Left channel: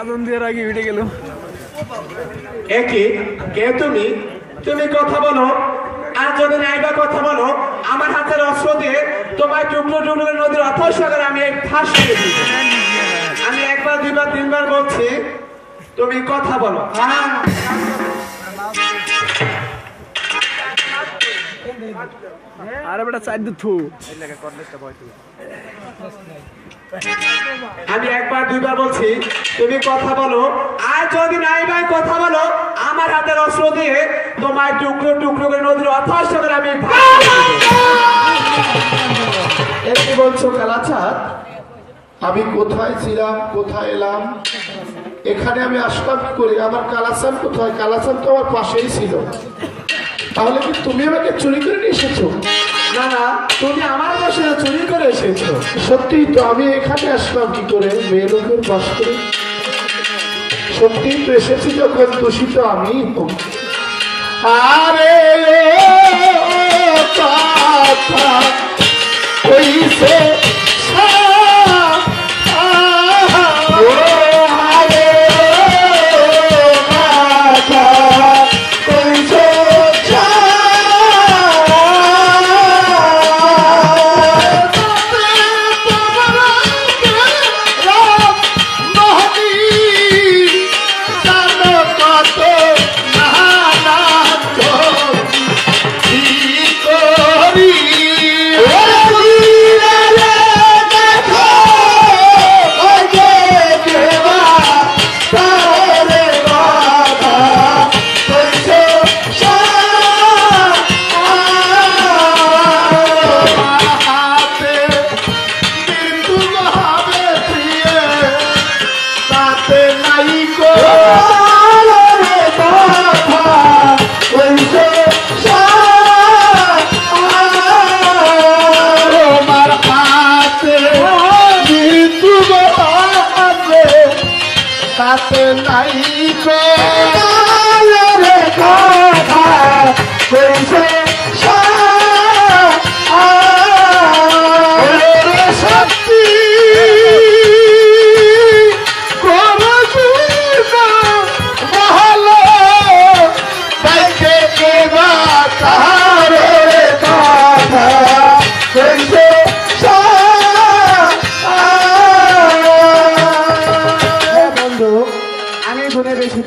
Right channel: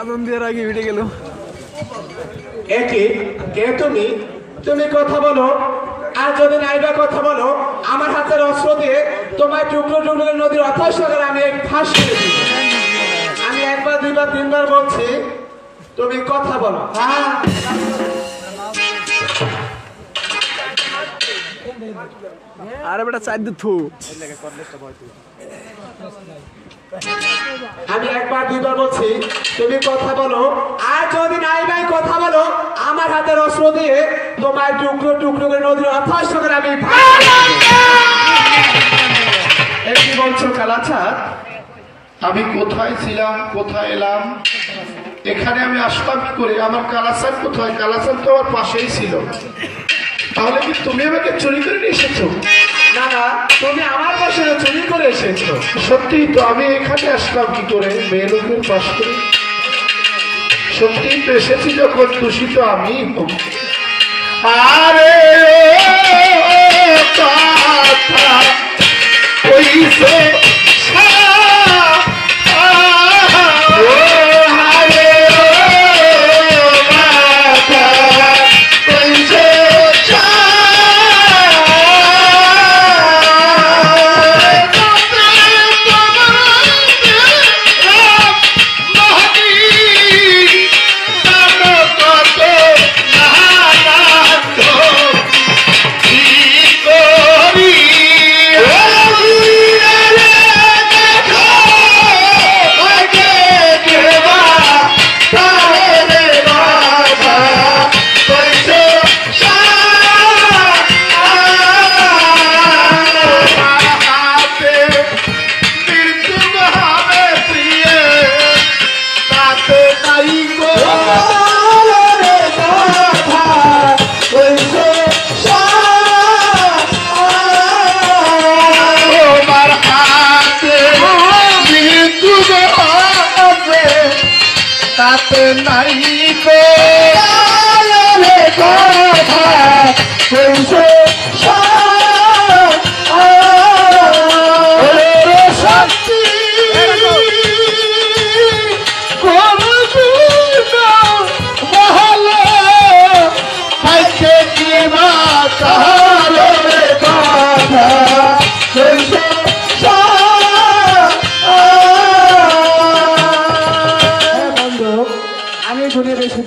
আনন্দের আগে উঠে গেল। কে তুমি? তুমি কথা বলো, আর যদি নাইবা কথা বলো আমার হাতের অস্ত্র দিয়ে তোমার টুকরো টুকরো নদীর অথচ সাগরে আমি ভাসিয়ে দিব। আমি একবার দুইবার তিনবার বলছি, তুমি কথা বলো। আরে বেটা চাই থু আমি একবার দুইবার বলছি, তুমি কথা বলো, আর যদি নাই ভাই কথা বলো আমার হাতের অস্ত্র দিয়ে তোমার টুকরো টুকরো করে নদীর অথচ সাগরে আমি কি বলছো কালাচাঁদ? আমি কোথায় ছিলাম, কোথায় এলাম, এখানে আমি আসলাম কি করে? আমার কালাচাঁদ কোথায়? কালাচাঁদ তো আমার পাশেই ছিল। তাহলে কি তুমি আমাকে চুরি করে নিয়ে এসেছো? না না, তুমি আমার পাশে চুরি করে এসেছো। সত্যি তো, আমি এখানে আসলাম কি করে মেয়ে লোকের বাস করে? সত্যি তো এসেছি যখন, দূষিত আমি। আরে কথা কইছে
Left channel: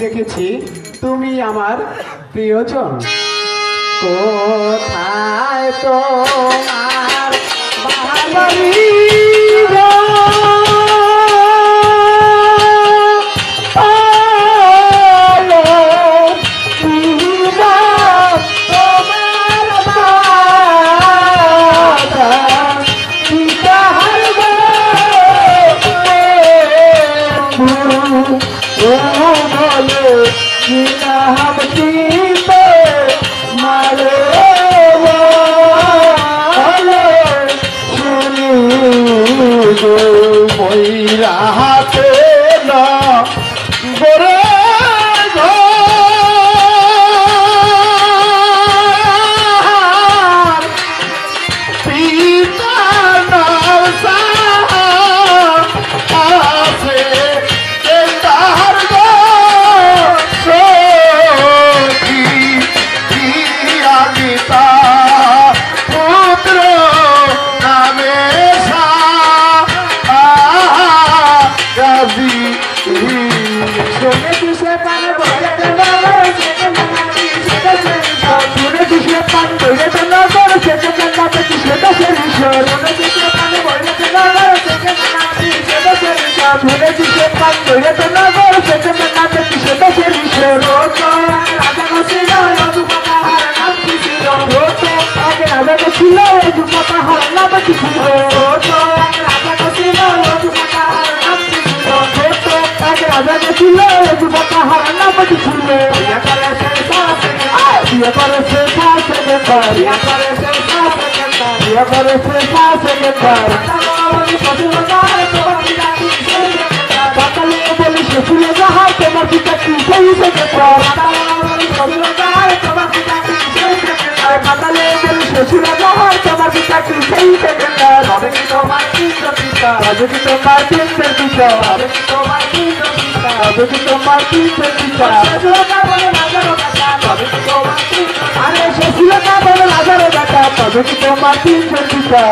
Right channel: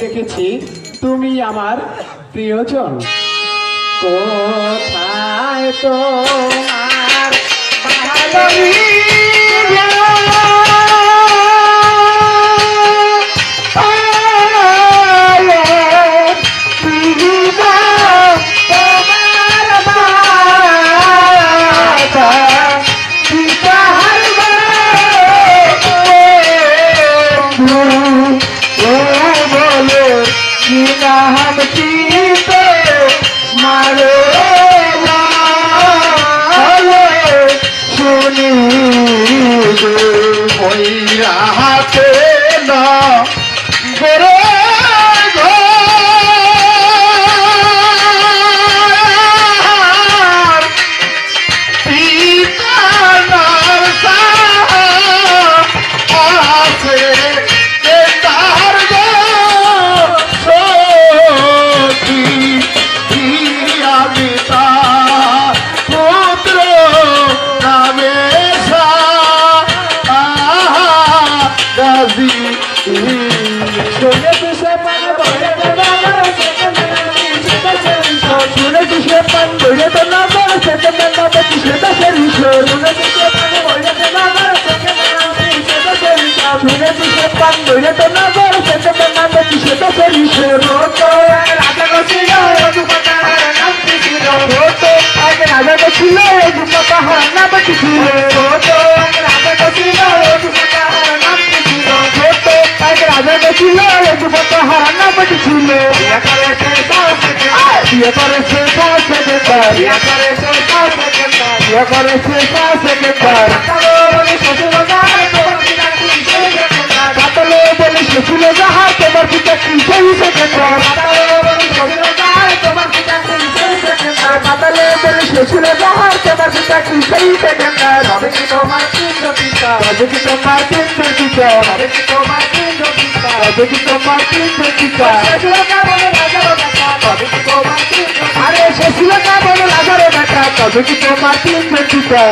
দেখেছি তুমি আমার প্রিয়জন। কোথায় তোমার বাড়ি? আছে তার গো সখী আমি তার পুত্র নামে গাজী শুনে কিসে পানে বলে শুনে কিসে পান বলে তো না করে সেটা না দেখি সেটা সেরি শুনে কিসে পানে বলে তো না করে সেটা সেটা সেরি শুনে কিসে পান বলে তো না করে সেটা না দেখি সেটা সেরি তো রাজা ছিল যুবকা হার নাম ছিল তো আগে রাজা ছিল যুবকা হার নাম ছিল তো রাজা ছিল যুবকা হার নাম ছিল তো আগে রাজা ছিল যুবকা হার নাম ছিল বিয়ে করেছে পাতালে বলে শ্বশুরে যাহার তোমার পিতা কি সেই সেকেন্ডার পাতালে বলে শ্বশুরে যাহার তোমার পিতা কি সেই সেকেন্ডার হবে কি তোমার কেন্দ্র পিতা হবে কি তোমার কেন্দ্র পিতা হবে কি তোমার কেন্দ্র পিতা হবে কি তোমার কেন্দ্র পিতা আরে শ্বশুরে না বলে রাজারও বেটা তবে কি তোমার কেন্দ্র পিতা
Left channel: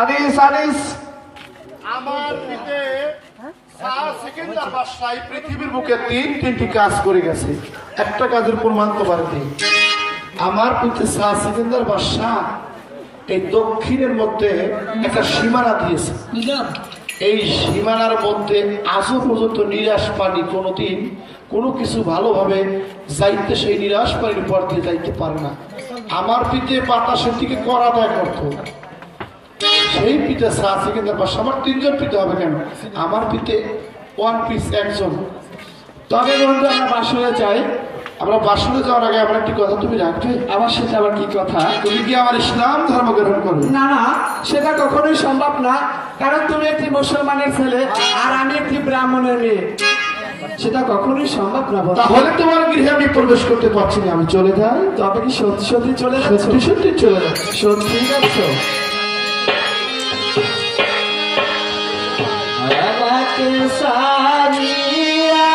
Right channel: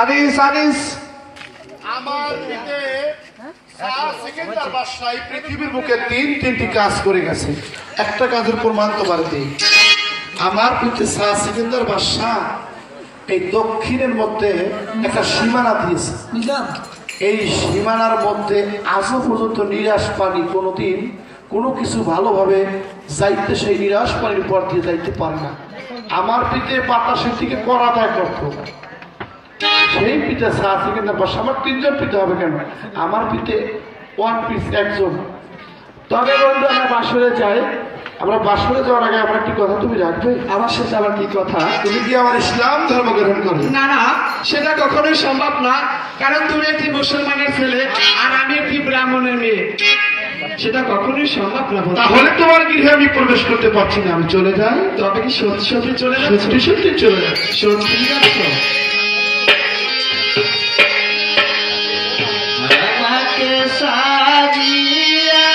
আনিস আনিস আমার পিতে 4 সেকেন্ডের বাসায় পৃথিবীর বুকে তিনটি কাজ করে গেছে একটা কাজের প্রমাণ তো বাড়িতে আমার পিতে 4 সেকেন্ডের বাসা এই দক্ষিণের মধ্যে একটা সীমানা দিয়েছে এই সীমানার মধ্যে আজও পর্যন্ত নিরাশ পানি কোনোদিন কোনো কিছু ভালোভাবে যাইতে সেই নিরাশ পানির পর দিয়ে যাইতে পারে না আমার পিতে বাতাসের দিকে করা দায় করতো সেই পিঠে 4 সেকেন্ডের বাসা আমার 3 জন পিঠে হবে কেন আমার পিঠে 1 পিস একজন তবে বন্ধু আমরা বাসরে যাই আমরা বাসরে যাওয়ার আগে আমার একটি কথা তুমি রাখবে আমার সাথে আবার কি কথা তুমি কি আমার ইসলাম ধর্ম গ্রহণ করবে না না সেটা কখনোই সম্ভব না কারণ তুমি একটি মুসলমানের ছেলে আর আমি একটি ব্রাহ্মণের মেয়ে সেটা কখনোই সম্ভব না তাহলে তোমার গৃহে আমি প্রবেশ করতে পারছি না আমি চলে যাই তবে কি সত্যি সত্যি চলে সত্যি সত্যি চলে যাচ্ছি সত্যি যাচ্ছো আমাকে সাজিয়া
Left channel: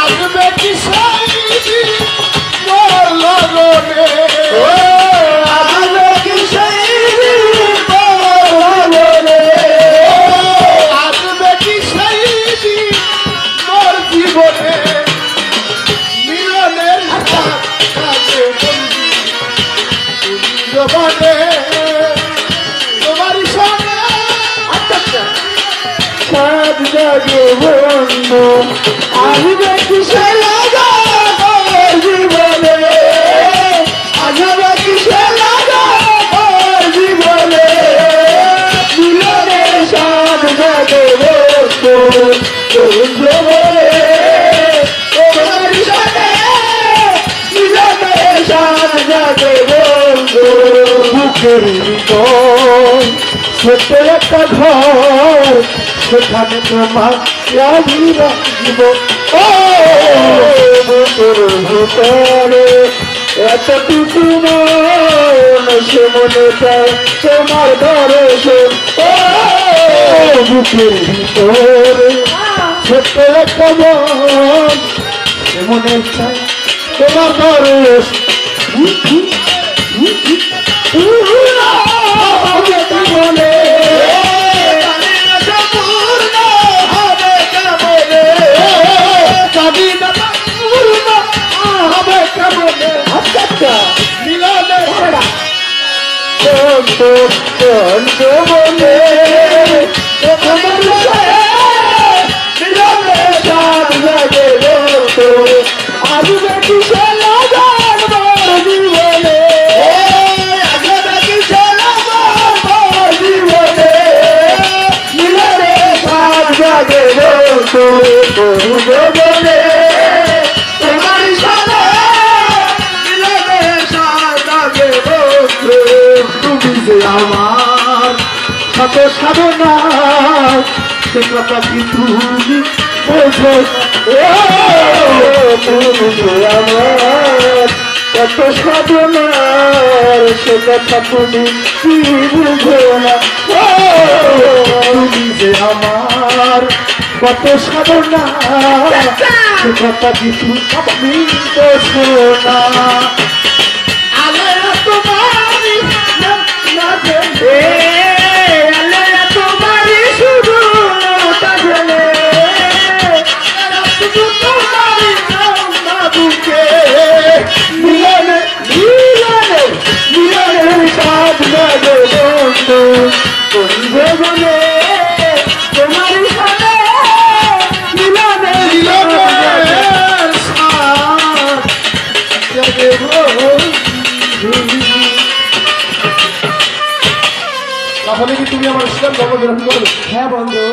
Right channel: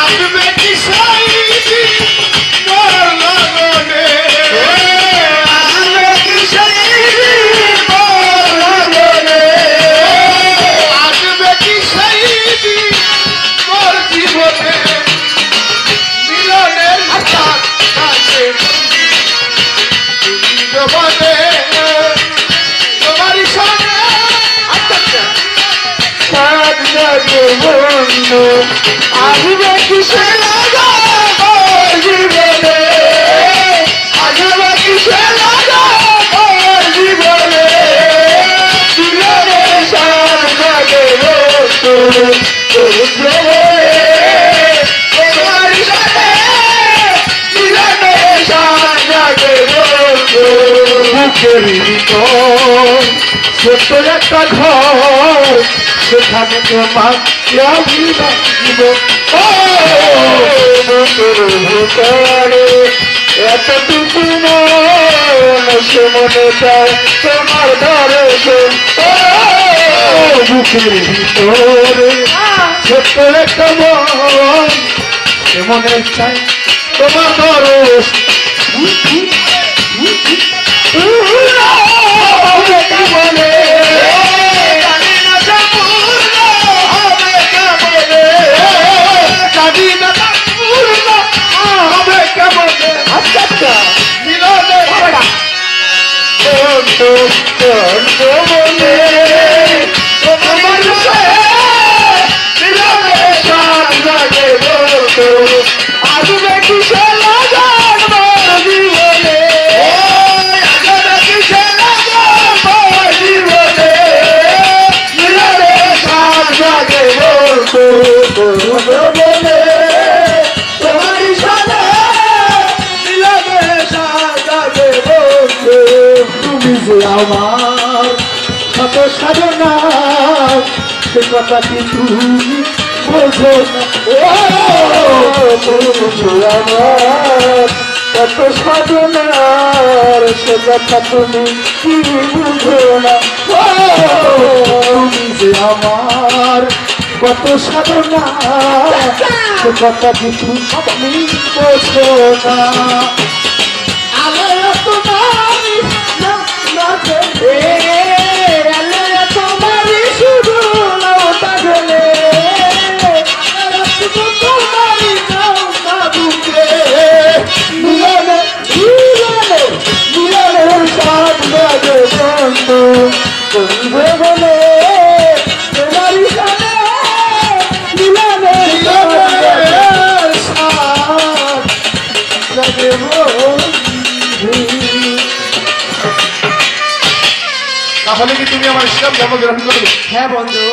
আসবে কি সেই দিন মোর লগনে, আসবে কি সেই দিন মোর লগনে, আসবে কি সেই দিন মোর জীবনে, মিলনের সাথ থাকে বন্ধু তুমি জবানে, তোমারই সঙ্গে সাত জাগে বন্ধু আসবে কিসে লাগা মোর জীবনে, আসবে কিসে লাগা মোর জীবনে, মিলনের সাত জাগে বন্ধু তুমি জবানে, তোমারই সঙ্গে মিলনের সাত জাগে বন্ধু, বুকের ভিতর ছোট্ট একটা ঘর, সেখানে তোমার দিব বুকের ভিতরে এতটুকু মন, সে মনে চায় তোমার দর্শন, বুকের ভিতরে ছোট্ট একটা মন, সে মনে চায় তোমার দর্শন, বলে আসবে কিসে লাগান মোর জীবনে, আসবে কিসে লাগান মোর জীবনে, মিলনে সাত জাগে বন্ধু বলে, তোমারই সাথে মিলনে সাত জাগে বন্ধু, তুমি যে আমার শত সাধনা সে কথা কি তুমি বোঝো না, তুমি আমার কত সাধনার সে কথা তুমি কি বুঝো না, তুমি যে আমার কত সাধনা সে কথা কি তুমি বোঝো না, আলে তোমারি তোমারি শুধু নৌকা গেলে মিলনে মিলনে মিলনের সাথ জাগে বন্ধু বন্ধে বলে, তোমারই সাথে মিলনের সাথ জাগে বন্ধু। তাহলে কি তুমি আমার ইসলাম ধর্ম গ্রহণ করবে? হ্যাঁ বন্ধু,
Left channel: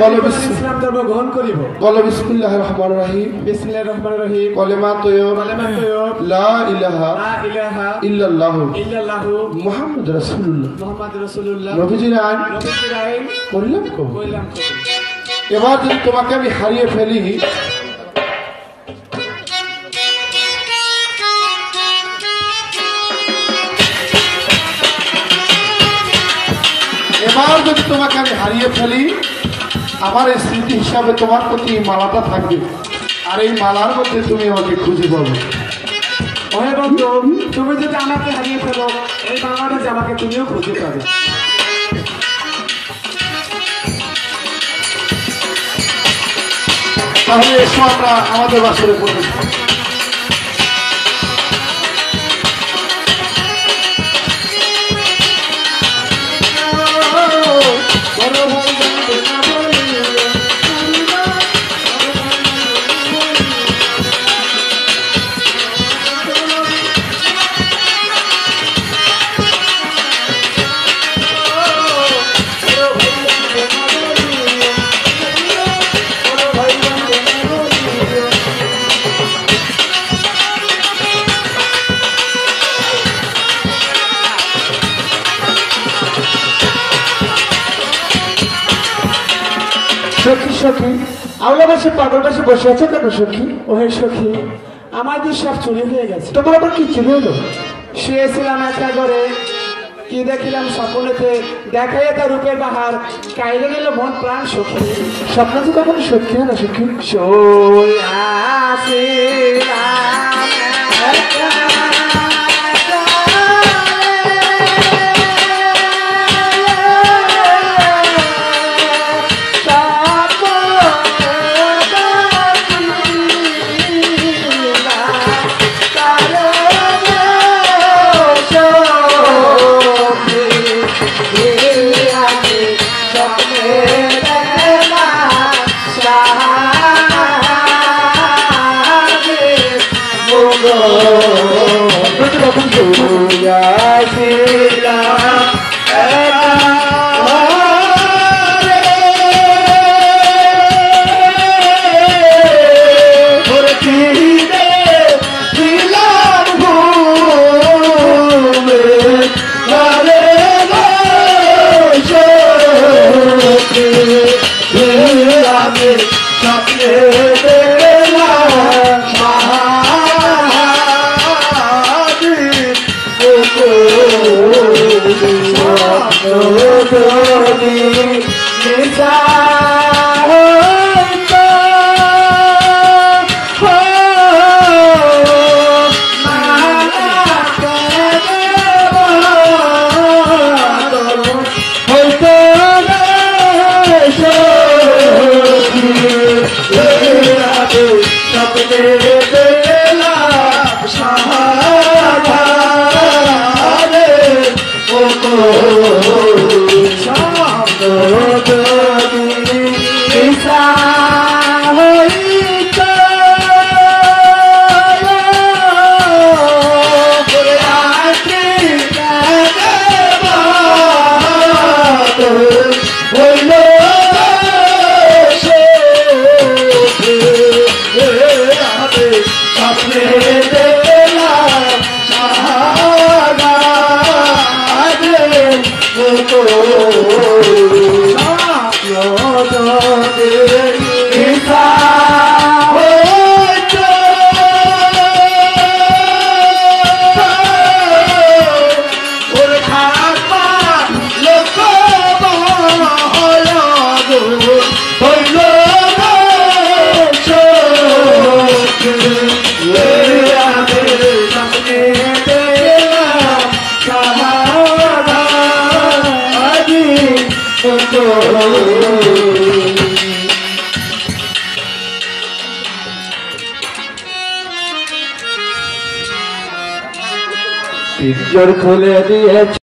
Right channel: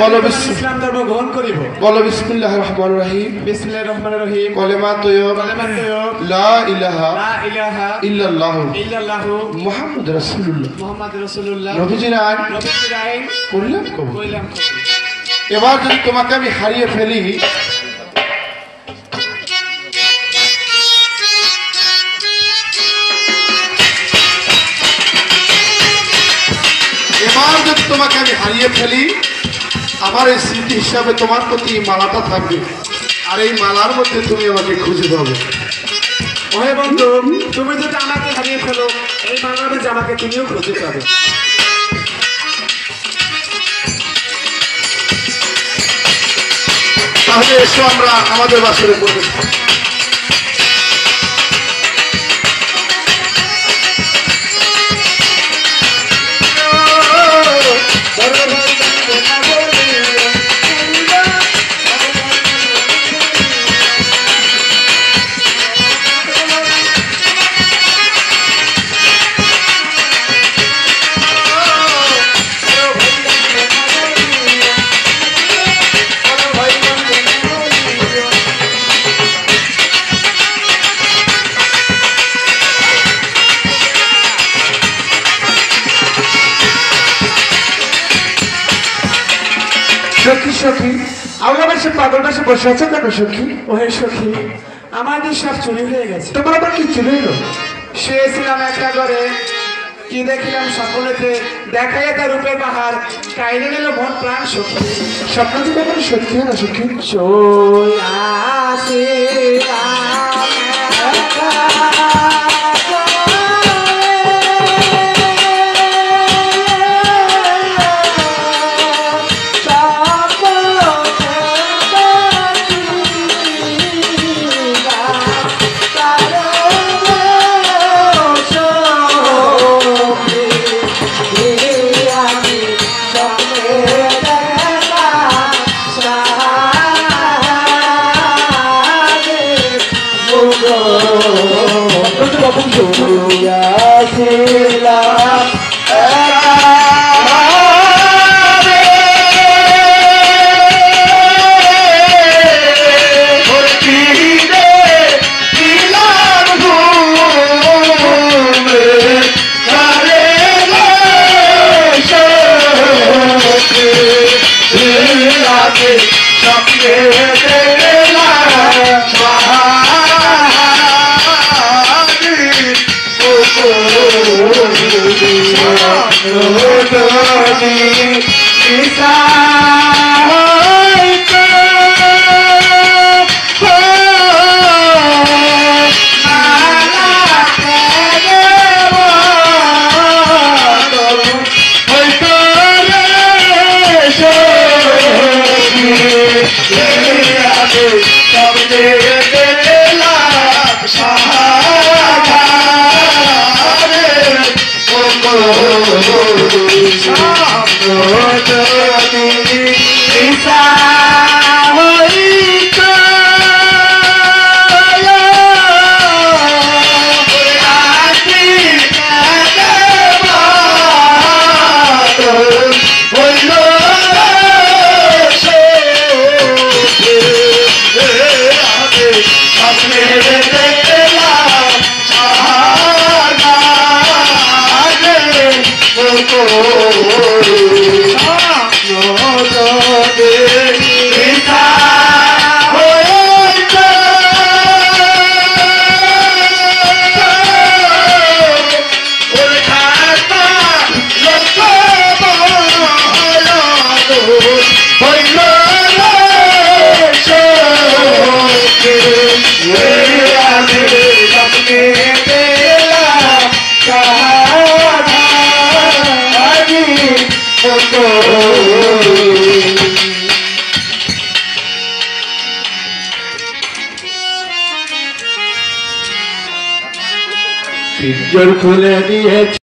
বলো ইসলাম ধর্ম গ্রহণ করিব। বলো বিসমিল্লাহির রহমানির রহিম, বিসমিল্লাহির রহমানির রহিম, কলেমা তৈয়ব, কালেমা তৈয়ব, লা ইলাহা লা ইলাহা ইল্লাল্লাহু ইল্লাল্লাহু মুহাম্মদ রাসূলুল্লাহ, মুহাম্মদ রাসূলুল্লাহ, নবীজির আইন নবীজির আইন করিলাম কবুল। কইলাম কবুল। এবার যদি তোমাকে আমি হারিয়ে ফেলি, এবার যদি তোমাকে আমি হারিয়ে ফেলি, আমার এই স্মৃতি হিসাবে তোমার প্রতি এই মালাটা থাকবে, আর এই মালার মধ্যে তুমি আমাকে খুঁজে পাবে। ওহে বন্ধু, তুমি যদি আমাকে হারিয়ে ফেলো, এই বাংলাদেশে আমাকে তুমিও খুঁজে পাবে। তাহলে এসো আমরা আমাদের বাসরে পড়বে। সখী সখী, আমরা বেশি পাগল বেশি বসে আছো কেন সখী? ওহে সখী, আমাদের সব চুরি হয়ে গেছে। তোমার আবার কি চুরি হলো? শুয়েছিলাম একটা ঘরে, কি দেখিলাম স্বপ্নেতে দেখাই তার রূপের বাহার কাইরে নিল মন প্রাণ সখী স্বপ্ন কি কখনো সত্যি হয় না সখী? পিঞ্জর খুলে দিয়েছে